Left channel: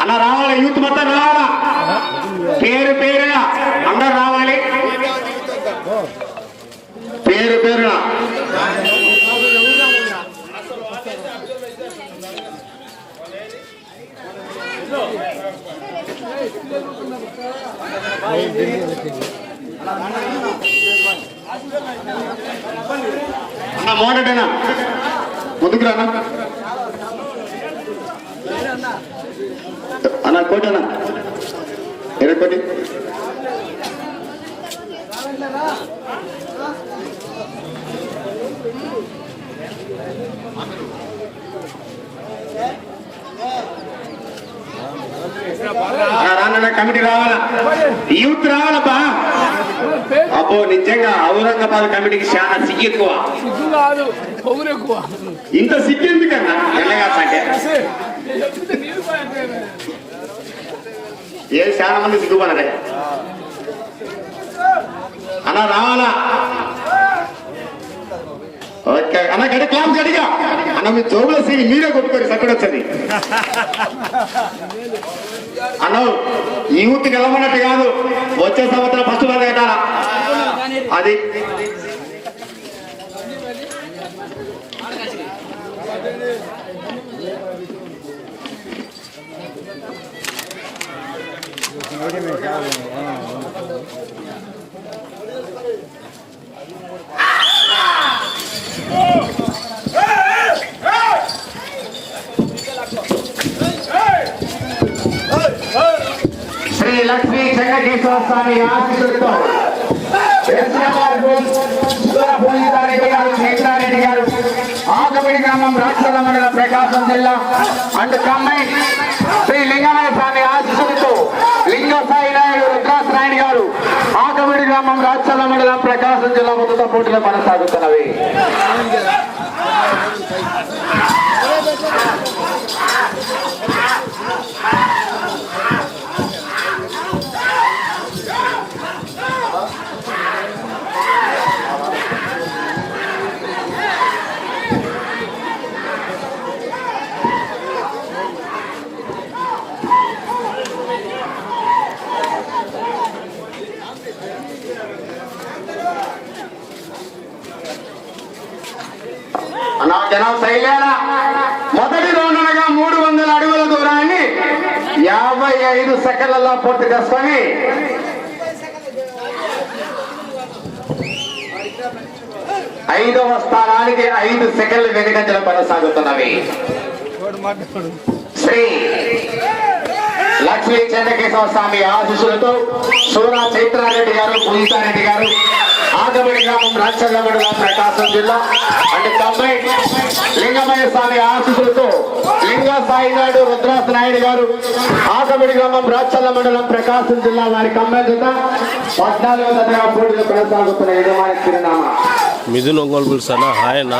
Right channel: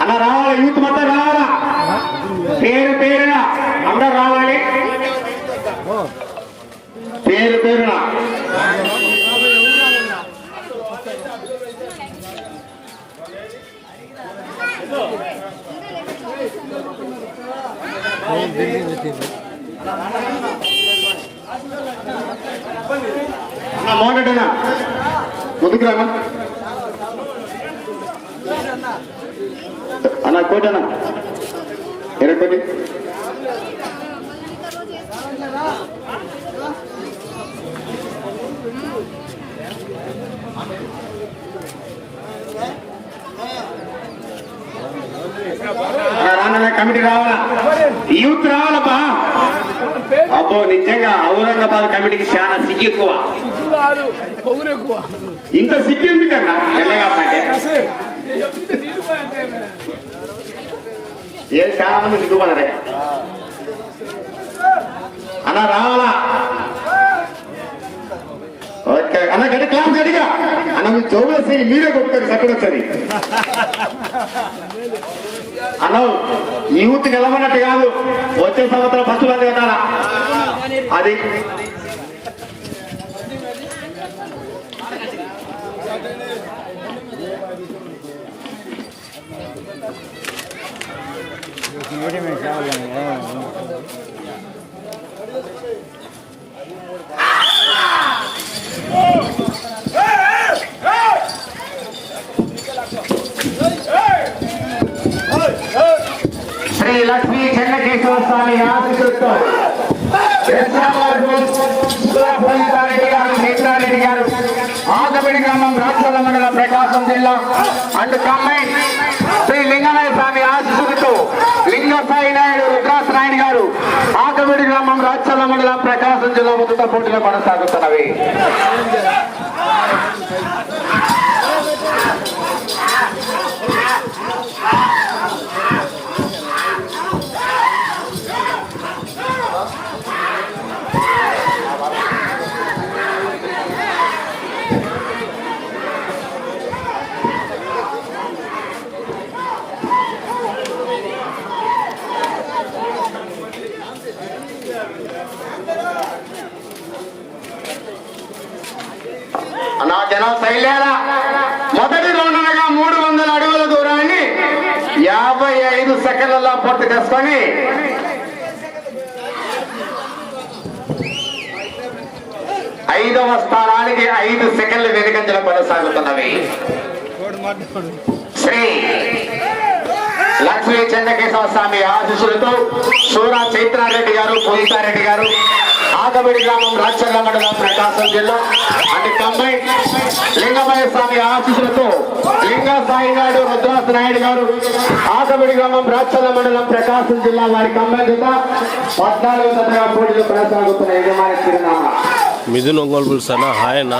అలా రావాలి? యూత్ మొత్తం రావాలా? పేరు పేరు కమిటీ రావాలా? యూత్ రావాలబ్బా అబ్బో నిజంగా ఔరంగాబాద్ కమిటీకి చాలా సిగ్గు ఎక్కువ. ఇంత సిగ్గు ఎందుకన్నా? ఏ చాలా మంది సిగ్గుపడరే? అలా రావాలా? ఓకే. అన్న గడి క్లాస్ గడిగా. అన్న మీ జోబుల సిగి మీరే కొట్టుకోండి సక్కడ వచ్చేది అన్న యూత్ గెలవన్నట్టు కాదు. వచ్చే సంవత్సరం ఫస్ట్ బాగా కట్టాలా అది. శ్రీ లక్ష్మీ చెన్నకేశ్వర స్వామి ఆశీస్సులతో రెడ్డి గారు నేతారెడ్డి గారు ఆకబడి గ్రామం రాష్ట్రాల మండలం ప్రకాశం జిల్లా అండ్ కమ్మై శ్రీ లింగనాయ స్వామి ఆశీస్సులతో లింగ సాయి నాయుడు రుద్రా గ్రామం రాష్ట్రాల మండలం ప్రకాశం జిల్లా మొదట పోటీలో కొనసాగుతున్నవి. యాభై ఐదు సెకండ్లలో పూర్తి చేసుకొని. ఐదవ స్థానానికి ఐదు సెకండ్లు వెనుకంజలు కొనసాగుతున్నవి. శ్రీ లక్ష్మీ చంద్రకేశవ స్వామి ఆశీస్సులతో సూరా చైత్రారెడ్డి గారు పూజితారెడ్డి గారు ఆగబడి గ్రామం రాచల్ల మండలం ప్రకాశం జిల్లా అంటే కంబై లింగమయ్య స్వామి ఆశీస్సులతో లింగ సాయి నాయుడు రుద్రాస్ నాయుడు గారు ఆగబడి గ్రామం రాచల్ల మండలం ప్రకాశం జిల్లా వారి కంబై జత పద్నాలుగు తరగతి పోటీలు కొనసాగుతున్న యజమాని చిరునామా. మిథున్ ఒంగోలు పులుసు అన్న హాయ్ అన్న.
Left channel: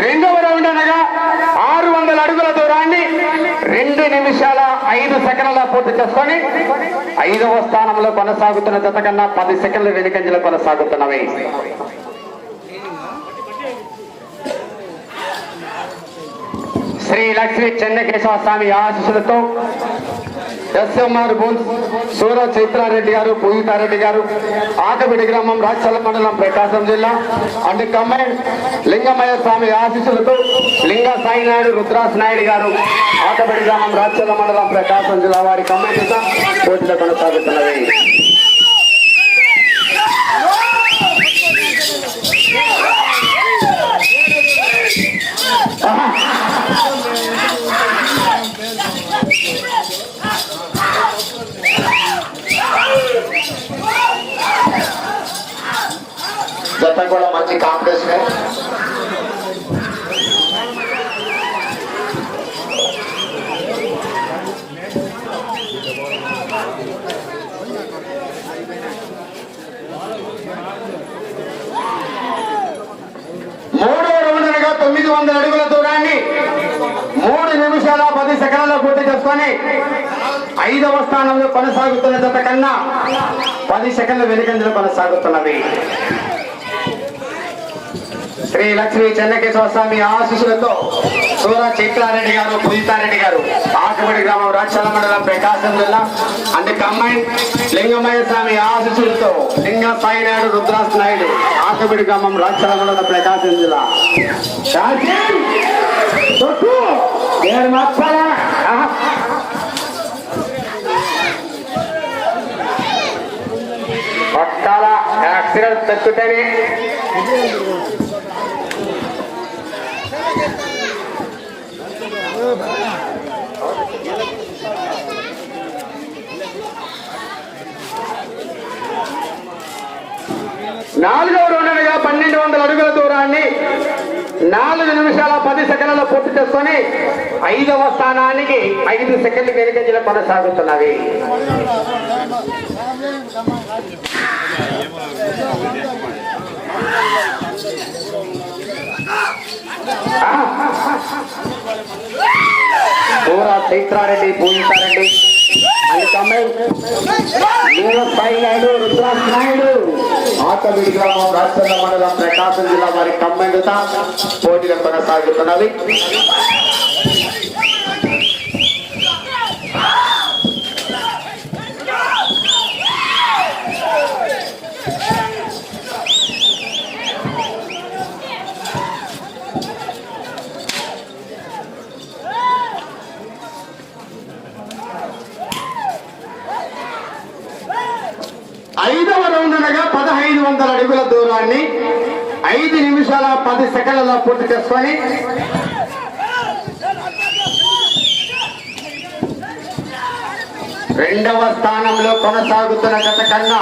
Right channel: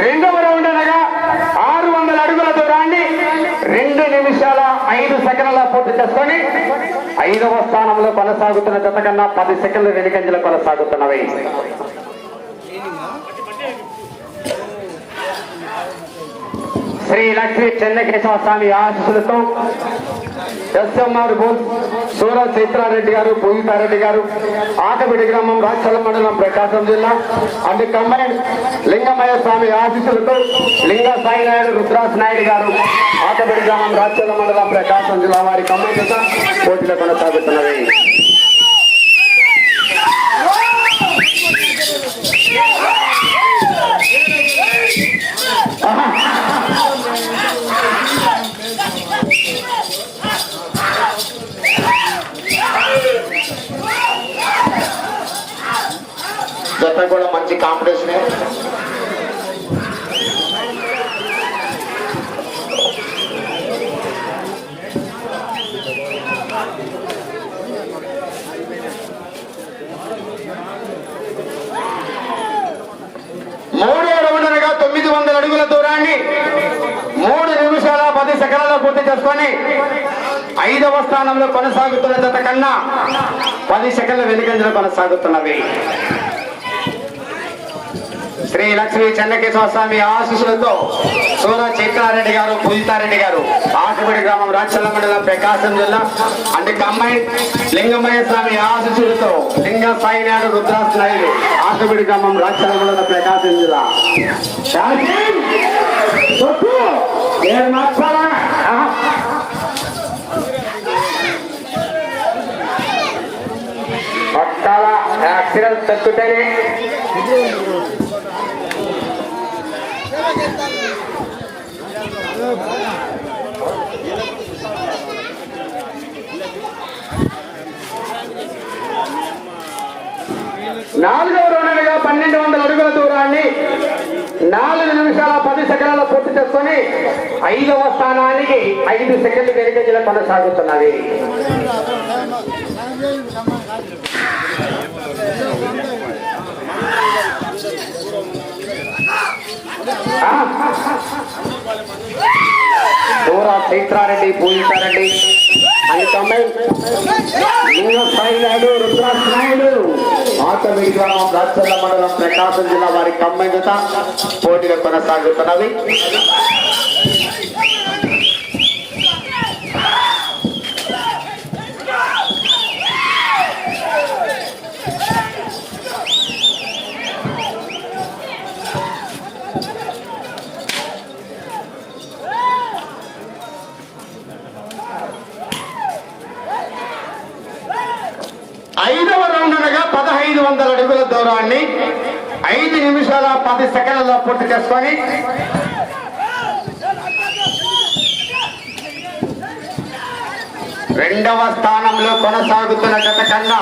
రెండవ రౌండ్ అనగా ఆరు వందల అడుగుల దూరాన్ని రెండు నిమిషాల ఐదు సెకండ్ల పూర్తి చేసుకొని ఐదవ స్థానంలో కొనసాగుతున్న జత కన్నా పది సెకండ్ల వెనుకంజలో కొనసాగుతున్నవి. శ్రీ లక్ష్మీ చెన్నకేశవ స్వామి ఆశీస్సులతో ఎస్ఎంఆర్ బోల్ సూర చైత్రారెడ్డి గారు పూజితారెడ్డి గారు ఆకబిడి గ్రామం రాచల మండలం ప్రకాశం జిల్లా అండ్ కంబైన్ లింగమయ్య స్వామి ఆశీస్సులతో లింగ సాయినాయుడు రుద్రాస్ నాయుడు గారు ఆకబిడి గ్రామం రాచల మండలం ప్రకాశం జిల్లా వారి కంబైన్ చేత పోటీలో జత కూడా మంచి కాంపిటీషన్ మూడో రౌండర్గా తొమ్మిది వందల అడుగుల దూరాన్ని పది సెకండ్ల పూర్తి చేసుకొని ఐదవ స్థానంలో కొనసాగుతున్న కన్నా పది సెకండ్ల వెనుకంజలు కొనసాగుతున్నవి శ్రీ లక్ష్మీ చెన్నకేశ్వర స్వామి ఆశీస్సులతో సూర చిత్రారెడ్డి గారు పూజితారెడ్డి గారు ఆకబడి గ్రామం రాక్షల మండలం ప్రకాశం జిల్లా. అంటే కమ్మాయి లింగమయ్య స్వామి ఆశీస్సులతో లింగ సాయినాయుడు రుద్రాస్ నాయుడు ఆకబడి గ్రామం రాక్షల మండలం ప్రకాశం జిల్లా. శాంతి! యాక్సిడెంట్ తగ్గుతాయి నాలుగవ రౌండ్గా పన్నెండు వందల అడుగుల దూరాన్ని నాలుగు నిమిషాల పది సెకండ్ల పూర్తి చేసుకొని ఐదవ స్థానానికి ఐదు సెకండ్లు వెనుకంజల కొనసాగుతున్నవి. దూర చైత్రారెడ్డి పూజితారెడ్డి ఆటమిడి గ్రామం రాజచంద్ర మండలం ప్రకాశం జిల్లా వారి కమ్మెండుత పోటీలు కొనసాగుతున్నవి ఐదవ రౌండ్గా పదహైదు వందల అడుగుల దూరాన్ని ఐదు నిమిషాల పది సెకండ్లలో పూర్తి చేసుకొని రెండవ స్థానంలో కొనసాగుతున్న జత కన్నా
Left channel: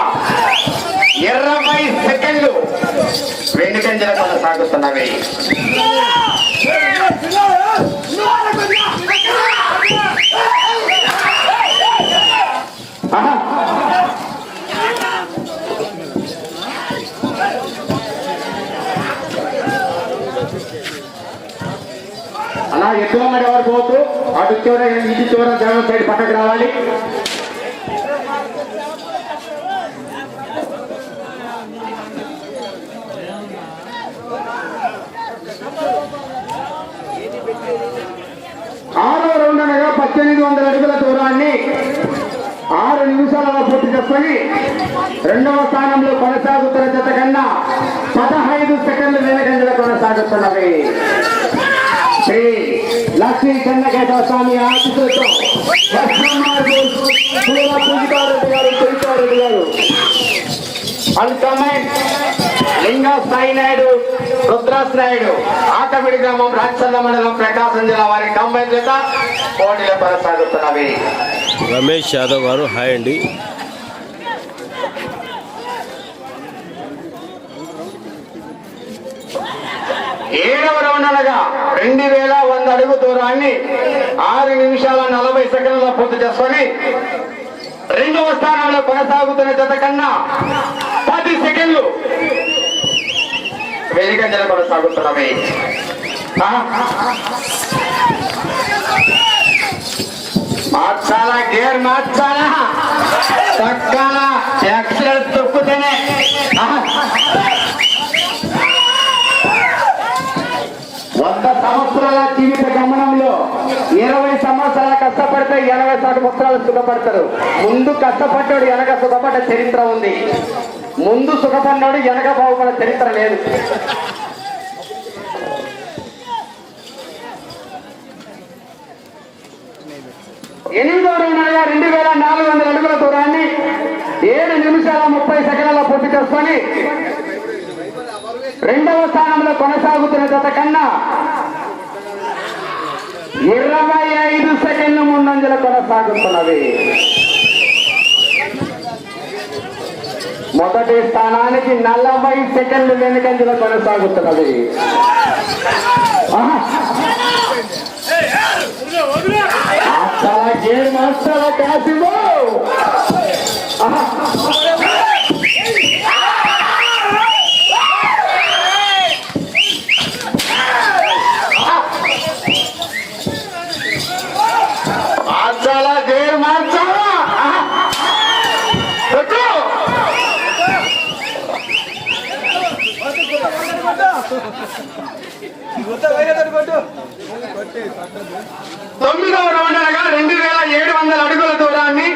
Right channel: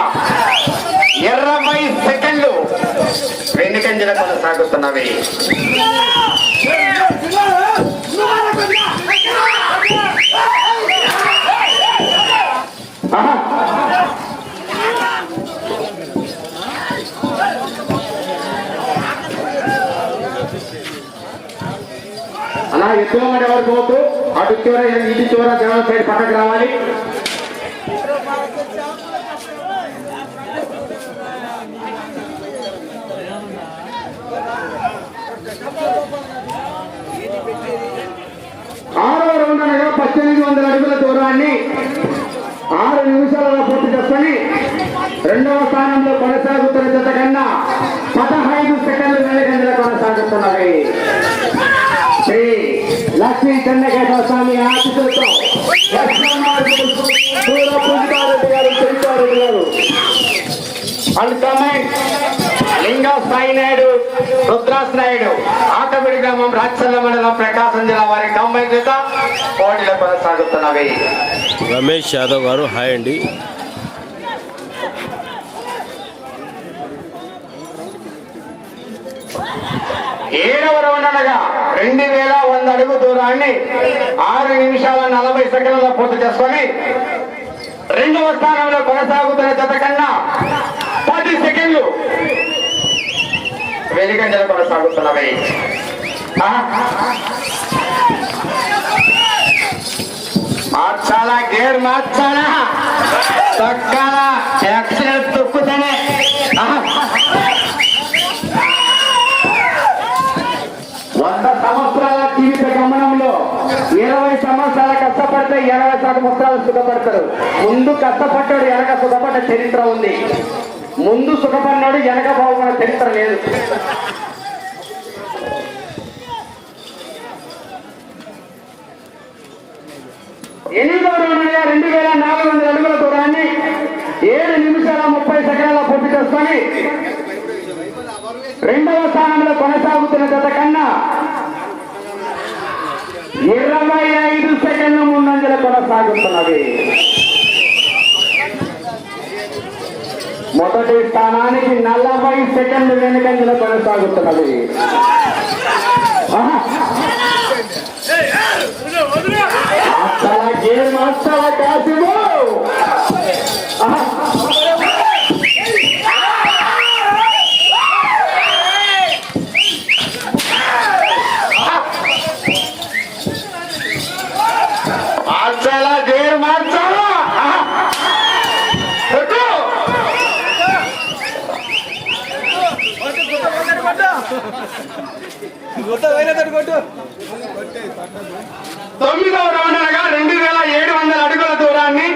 ఇరవై సెకండ్లు వెనుకంజల కొనసాగుతున్నవి Yeah! అలా ఎక్కువ వరకు పోతూ అటు చివర ఇటు చివర గ్రామం సైడ్ పక్కకు రావాలి. ఆరో రౌండ్ అనగా పద్దెనిమిది వందల అడుగుల దూరాన్ని ఆరు నిమిషాలలో పూర్తి చేసుకొని రెండవ స్థానంలో కొనసాగుతున్న జత కన్నా పదహైదు సెకండ్లు వేగంగా కొనసాగుతున్నవి లక్ష్మీ చెన్నకేశ్వర స్వామి ఆశీస్సులతో పూజితారెడ్డి గారు చరితారెడ్డి గారు. అనుకమై లింగ సాయి నాయుడు రుద్రాస్ నాయుడు ఆటమిడి గ్రామం రాచల్ల మండలం ప్రకాశం జిల్లా వారి కంబైన్ చేత పోటీలు కొనసాగుతున్నవి. రమేష్ యాదవ్ గారు హాయ్ అండి. ఏడవ రౌండ్ అనగా రెండు వేల వంద అడుగు దూరాన్ని ఆరు నిమిషాల నలభై సెకండ్ల పూర్తి చేసుకొని రెండవ స్థానంలో కొనసాగుతున్న జత కన్నా పది సెకండ్లు వెనుకంజల కొనసాగుతున్నవి. మార్చాలా? గేర్ మార్చాలా? చక్కగా ఎక్సలెంట్ తొక్కుతేనే ఆ? వంద సంవత్సరాల జీవిత గమనంలో ఇరవై సంవత్సరాలు కష్టపడితే ఎనభై సంవత్సరాలు సుఖపడతారు. ముందు కష్టపడ్డాడు వెనక సుఖపడ్డ చరిత్ర ఉంది. ముందు సుఖపడినాడు వెనక బాగుపడ చరిత్ర లేదు. ఎనిమిదో రౌండ్గా రెండు వేల నాలుగు వందల అడుగుల దూరాన్ని ఏడు నిమిషాల ముప్పై సెకండ్ల పూర్తి చేసుకొని రెండవ స్థానంలో కొనసాగుతున్న గత కన్నా ఇరవై ఐదు సెకండ్ల ముందంజల కొనసాగుతున్నది. మొదటి స్థానానికి నలభై సెకండ్లు వెనుకంజల కొనసాగుతున్నది ఆహా. అసల గేమ్ అసల కాసిమో ఆహా. తొమ్మిదవ రౌండ్ అనగా రెండు వేల ఏడు వందల అడుగుల దూరాన్ని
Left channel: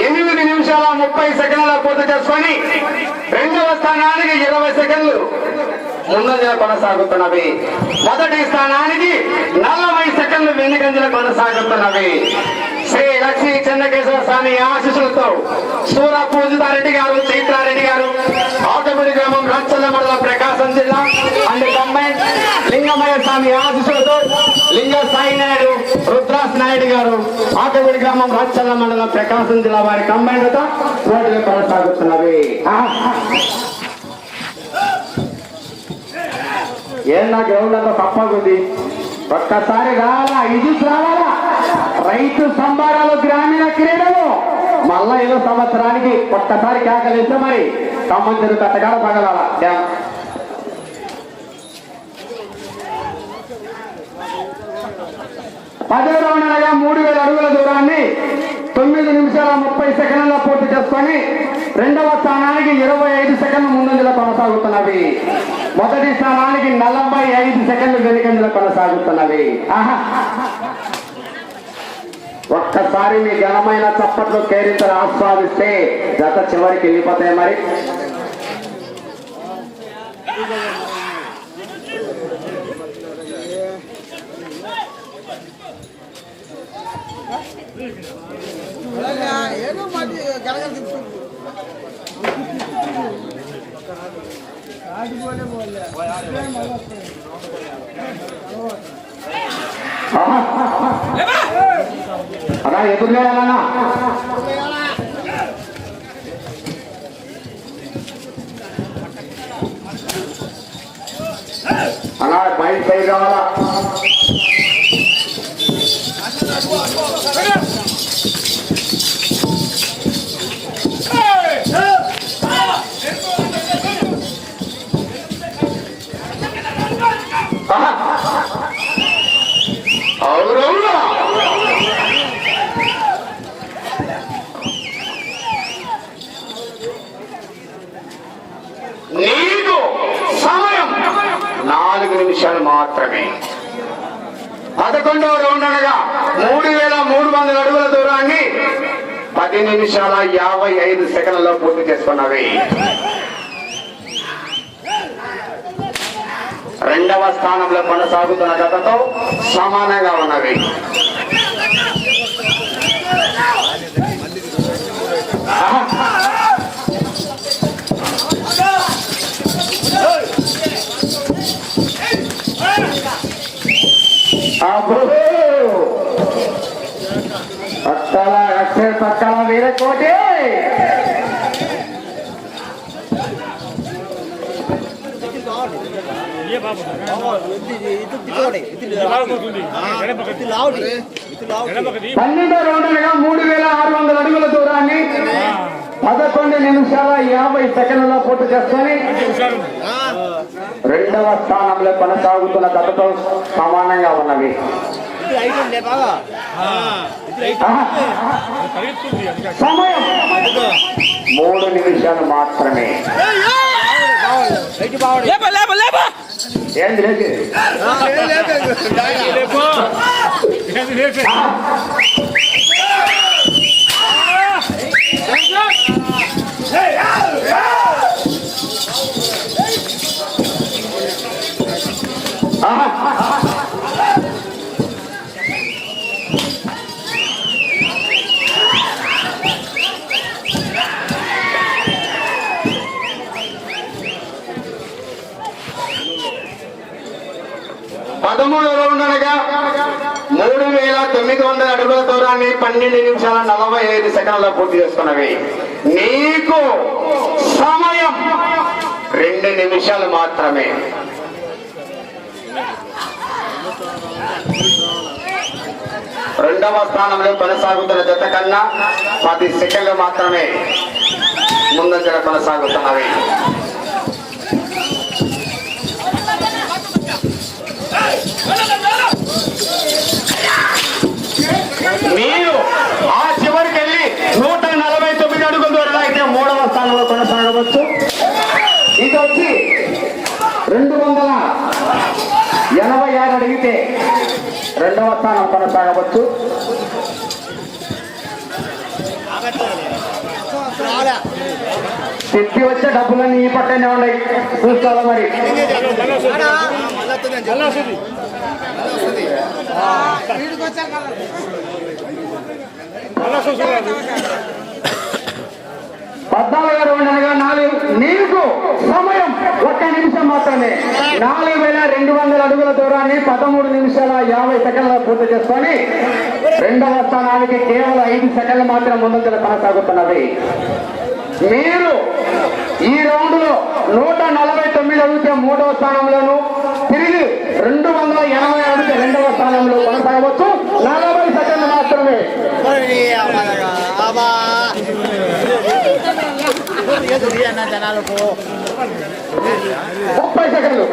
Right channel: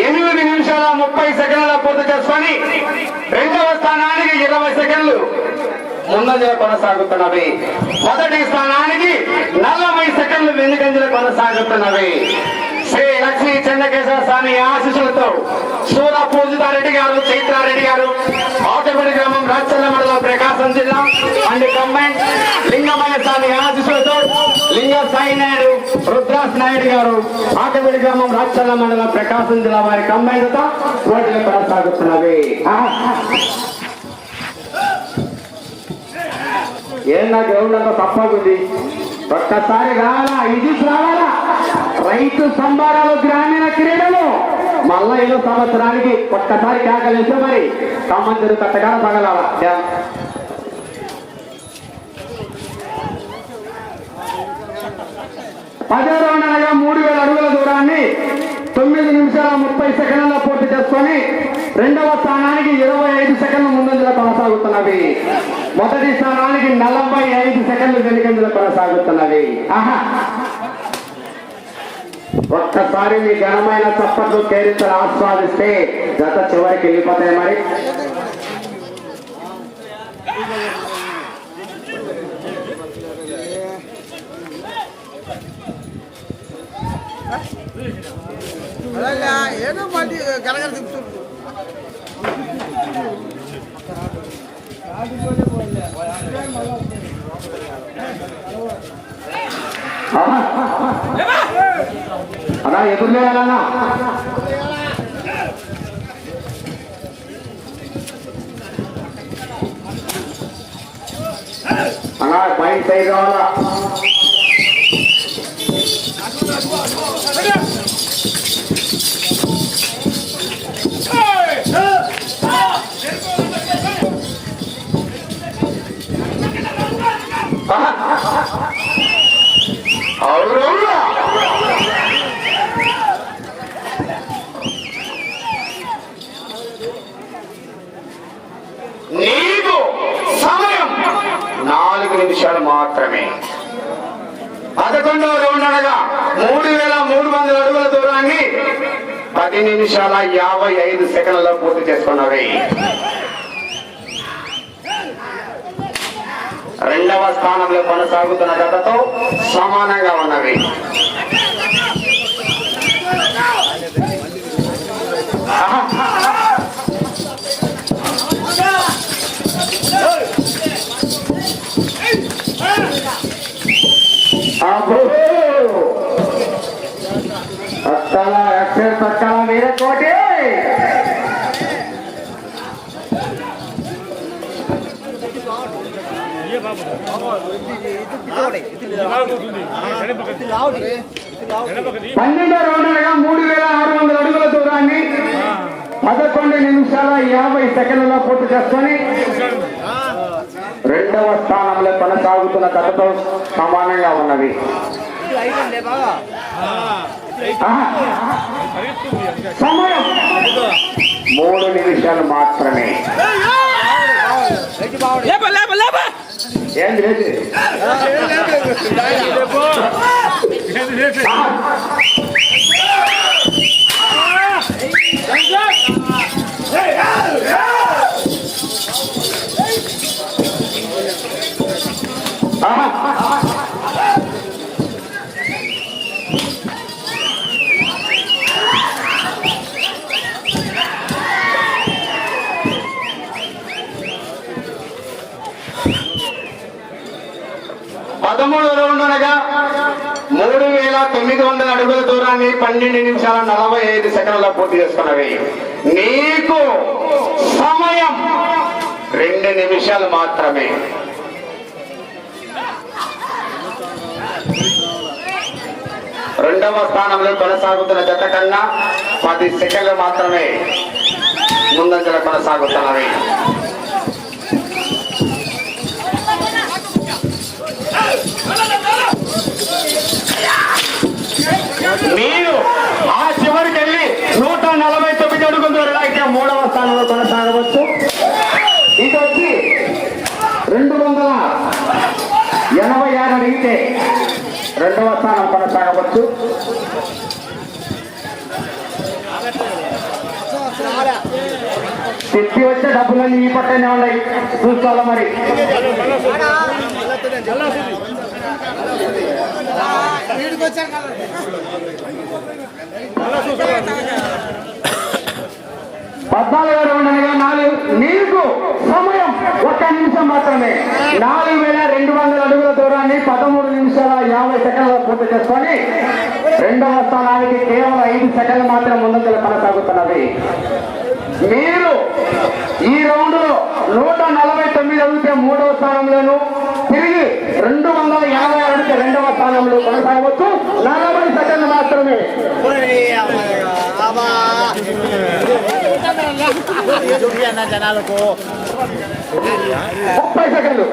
ఎనిమిది నిమిషాల ముప్పై సెకండ్ల పూర్తి చేసుకొని రెండవ స్థానానికి ఇరవై సెకండ్లు ముందంజల కొనసాగుతున్నవి. మొదటి స్థానానికి నలభై సెకండ్లు వెనుకంజలు కొనసాగుతున్నవి. శ్రీ లక్ష్మీ చెన్నకేశ్వర స్వామి ఆశీస్సులతో సూర పూజితారెడ్డి గారు చైతారెడ్డి గారు ఆటపడి గ్రామం రాచల్ల మండలం ప్రకాశం జిల్లా అండ్ కంబైన్ లింగమయ్య స్వామి ఆశీస్సులతో లింగ సాయి నాయుడు రుద్రాస్ నాయుడు గారు ఆటవిడి గ్రామం రాచల్ల మండలం ప్రకాశం జిల్లా వారి కంబైన్లతో పోటీలు కొనసాగుతున్నవి. ఆహా. ఏం నా గ్రౌండ్ తప్పకుంది ఒక్కసారి రావాలా ఇది రావాలా రైతు సంబారాలు గ్రామీణ క్రీడలు. మళ్ళా ఏదో సంవత్సరానికి ఒక్కసారి కాకలేస్తే మరి సంబంధులు కట్టగాడ పగలాల. డ్యామ్ పదో రౌండ్ మూడు వేల అడుగుల దూరాన్ని తొమ్మిది నిమిషాల ముప్పై సెకండ్ల పూర్తి చేసుకొని రెండవ స్థానానికి ఇరవై ఐదు సెకండ్ల ముందంజలో కొనసాగుతున్నవి. మొదటి స్థానానికి నలభై ఐదు సెకండ్లు వెనుకంజలో కొనసాగుతున్నవి. ఆహా! ఒక్కసారి మీ ఘనమైన చప్పట్లు తేరితలు ఆస్వాదిస్తే గత చివరికి వెళ్ళిపోతాయి మరి. ఏదో మాది గలగల తిప్పుతుంది ఆహా. అలా ఎదురులేనా అలా బయట సైడ్ రావాలా అవునవునా నీకు సమయం నాలుగు నిమిషాలు మాత్రమే పదకొండవ రౌండ్ అనగా మూడు వేల మూడు వందల అడుగుల దూరాన్ని పది నిమిషాల యాభై ఐదు సెకండ్లలో పూర్తి చేసుకున్నవి. రెండవ స్థానంలో కొనసాగుతున్న గతతో సమానంగా ఉన్నవి. పక్కల వేరే కోటి. పన్నెండో రౌండ్లుగా మూడు వేల ఆరు వందల అడుగుల దూరాన్ని పదకొండు నిమిషాల యాభై సెకండ్లలో పూర్తి చేసుకొని రెండవ స్థానంలో కొనసాగుతున్న కథతో సమానంగా ఉన్నవి సమయం. మూడు నిమిషాలు మాత్రమే ఏంది లేదు పదమూడు రౌండ్ అనగా మూడు వేల తొమ్మిది వందల అడుగుల దూరాన్ని పన్నెండు నిమిషాల నలభై ఐదు సెకండ్ల పూర్తి చేస్తున్నవి నీకు సమయం రెండు నిమిషాలు మాత్రమే. రెండవ స్థానంలో కొనసాగుతున్న జత కన్నా పది సెకండ్లు మాత్రమే ముందంజల కొనసాగుతున్నవి. మీరు ఆ చివరికి వెళ్ళి నూట నలభై తొమ్మిది అడుగుల దూరం అయితే మూడవ స్థానంలో కొనసాగవచ్చు ఇది వచ్చి రెండు వందల ఎనభై ఆరు అడిగితే రెండవ స్థానం కొనసాగవచ్చు తిప్పి వచ్చే డబ్బులన్నీ ఈ పట్టనే ఉన్నాయి చూసుకోవాలి మరి పద్నాలుగు రౌండ్ అనగా నాలుగు నీకు సమయం ఒక్క నిమిషం మాత్రమే. నాలుగు వేల రెండు వందల అడుగుల దూరాన్ని పదమూడు నిమిషాల యాభై సెకండ్ల పూర్తి చేసుకొని రెండవ స్థానానికి కేవలం ఐదు సెకండ్లు మాత్రం ముందంజలు కొనసాగుతున్నది. మీరు ఈ రౌండ్లో నూట నలభై తొమ్మిది అడిగితే మూడవ స్థానంలోను తిరిగి రెండు వందల ఎనభై అడిగితే రెండవ స్థానంలో కొనసాగవచ్చు. సెకండ్లు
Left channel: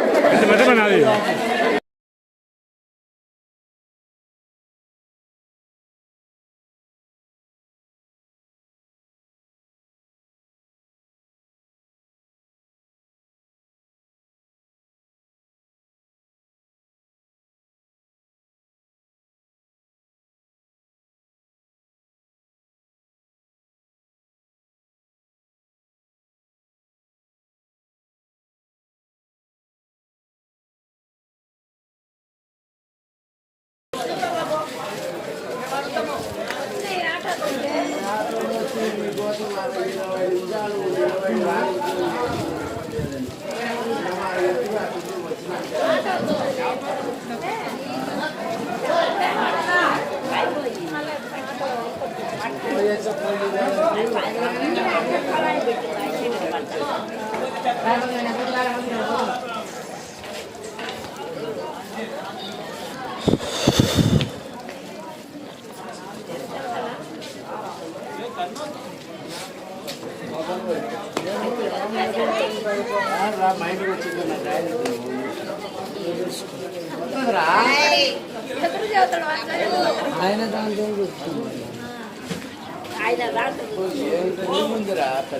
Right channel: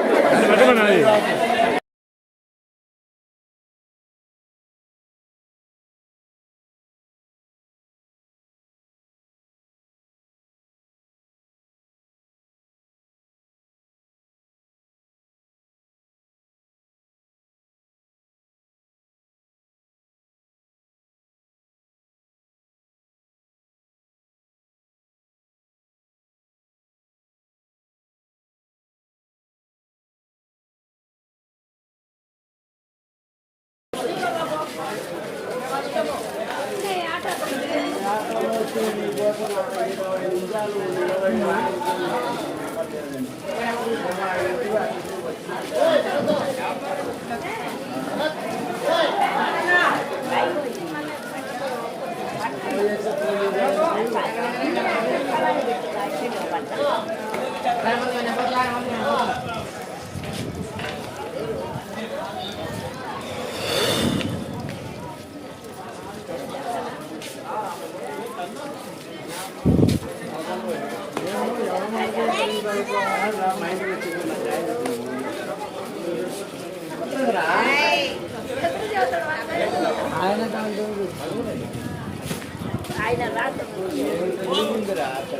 ఆయన జనాలకు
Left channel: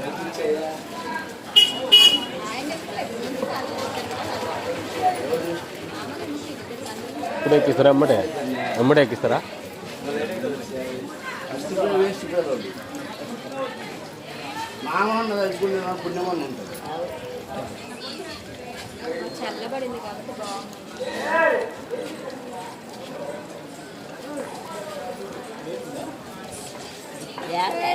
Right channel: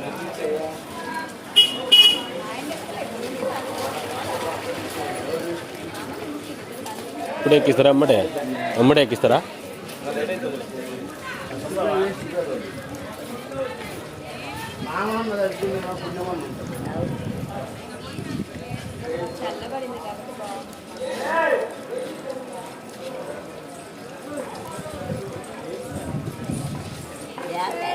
ముప్పై సెకండ్లు ఇప్పుడు ఎక్కిస్తారా? అమ్మడే అమ్మడే ఎక్కిస్తారా మామూలు పుణ్యమని అదే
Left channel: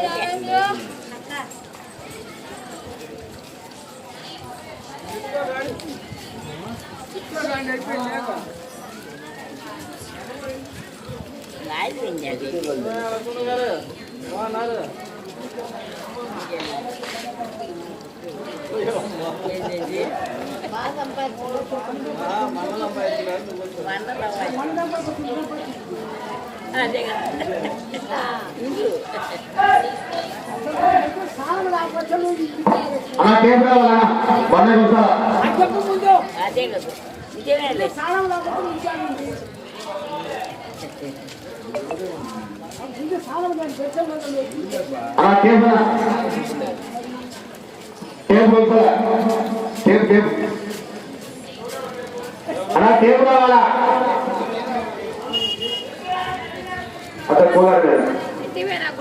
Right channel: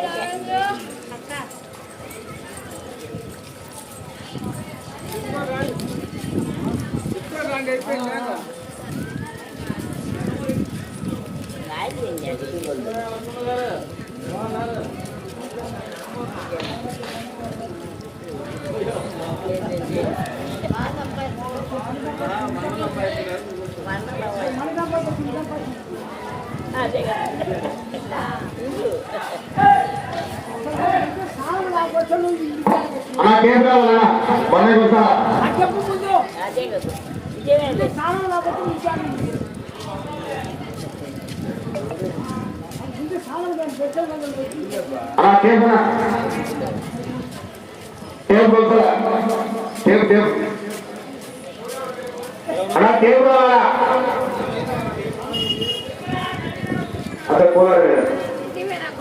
అన్న కేంద్ర టేపు కూర్చోాలా టేపు టేపు అన్న టేపు రావాలా అక్కడ కూలర్ ఇంటివే నాకు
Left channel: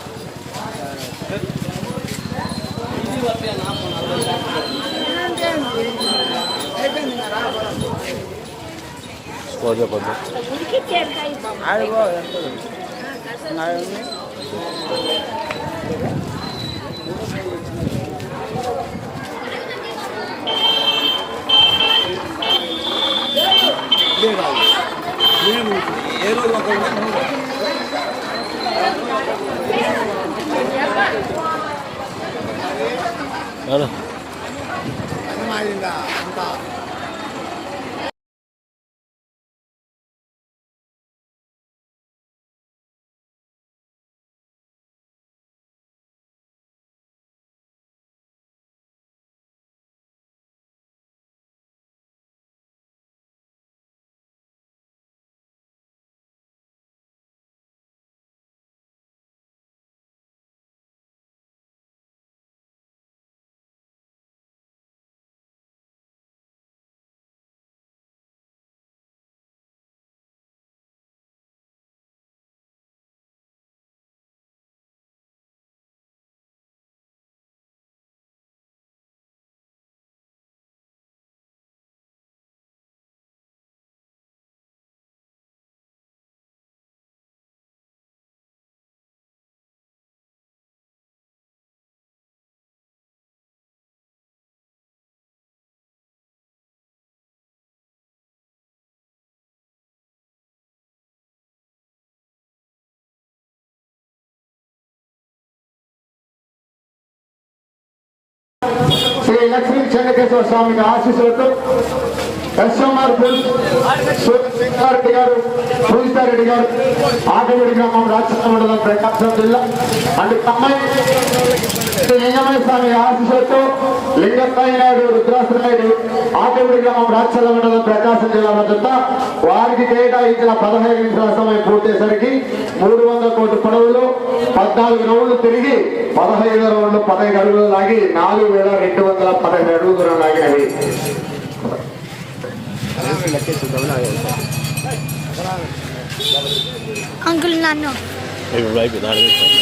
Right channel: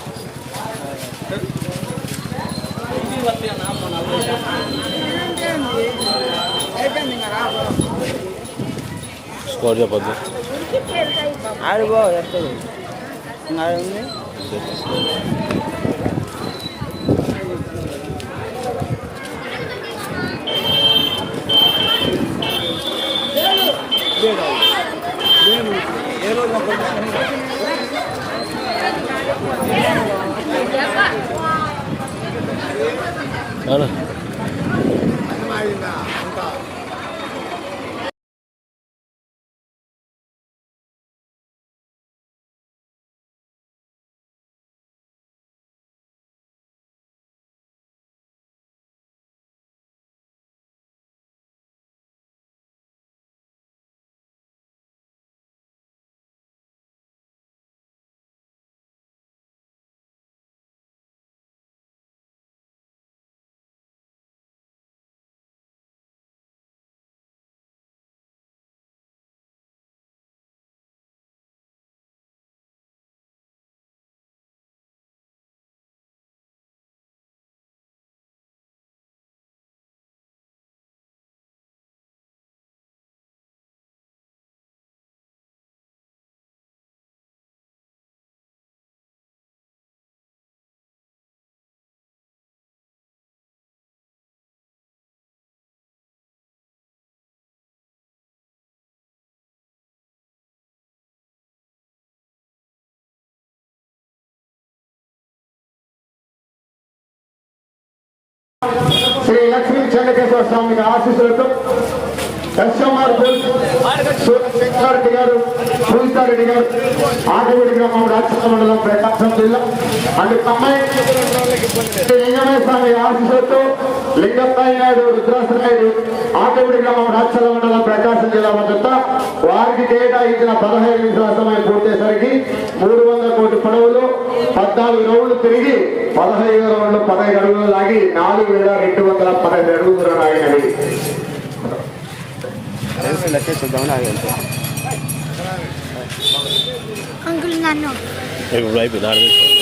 ఎందుకు కొడతారు దాంట్లో పడుకున్నాం 好了。శ్రీ లక్ష్మీ చెన్నకేశ్వర స్వామి ఆశీస్సులతో కస్టమర్ శంకరెడ్డి గారు సూజితారెడ్డి గారు ఆటవిడి గ్రామం రాక్షణ మండలం ప్రకాశం జిల్లా. అండ్ కమ్మాయి శ్రీ స్వామి ఆశీస్సులతో లింగప్పయ్య నాయుడు రుద్రాసు నాయుడు ఆటవిడి గ్రామం రాక్షల మండలం ప్రకాశం జిల్లా మద్దత వారికి కేటాయించిన పదహైదు నిమిషాల సమయం పూర్తయ్యేసరికి మూడు వందల కోటి పడవలు పద్నాలుగు రౌండ్లు తిరిగి పదహైదు రౌండ్లు పదహైదు అడుగులు లాగి నాలుగు వేల రెండు వందల పదహైదు అడుగులు దూరం ఆగినది అంకుల్ నన్ను అయిపోయి నాలుగు నిమిషాలు.